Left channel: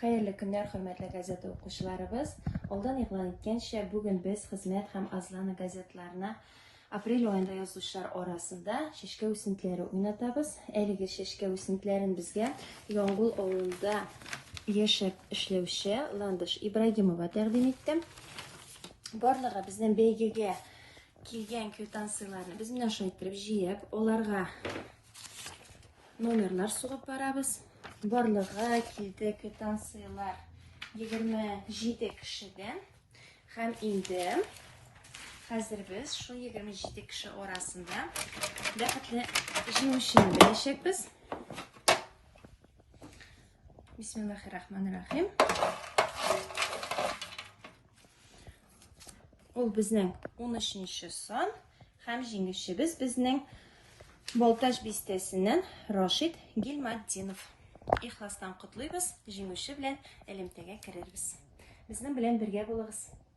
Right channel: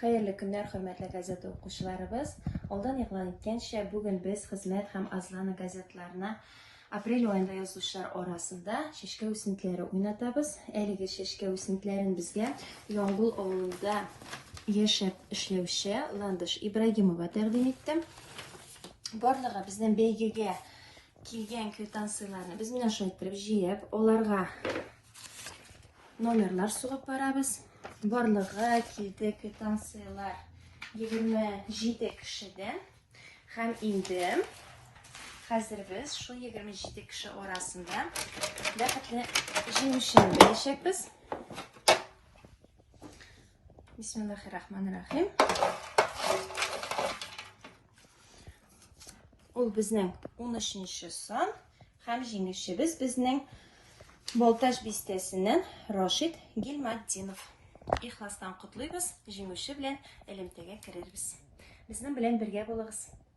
Xayrli kunlar, hurmatli gazeta o'quvchilarimiz. Oldin e'lon etgancha, bugun biz xizmat ham azlana gazetalarini aprel oyida yozuvchilar orasida shishka o'simliklari o'ynatamiz. Aylige shishka o'simliklarini bizga Yong'ul ovulida yashab ishlovchi Landish Ibragimova taqdim etdi. Borlig'i bizning belgiga kelgan kvitansiyalarni biz bilan shoytirib yig'ib, ularga nomerlar sug'ib beramiz. Borlig'i keldi kvitansiyalar 27 kishidan. Ham endi hozir biz shu 27 kishi orasida diqqatli jinoyatni bilishimiz. Bismillahirrahmanirrahim. Ol bizning 13-son ham jinoyatchimiz bizning Boltaj bistesidan Rashid Gilmaddinov. İxlasdan qutlaymiz, jinoyatchi bilan elmtaga kiramiz. Bizning bilan birga bo'linglar.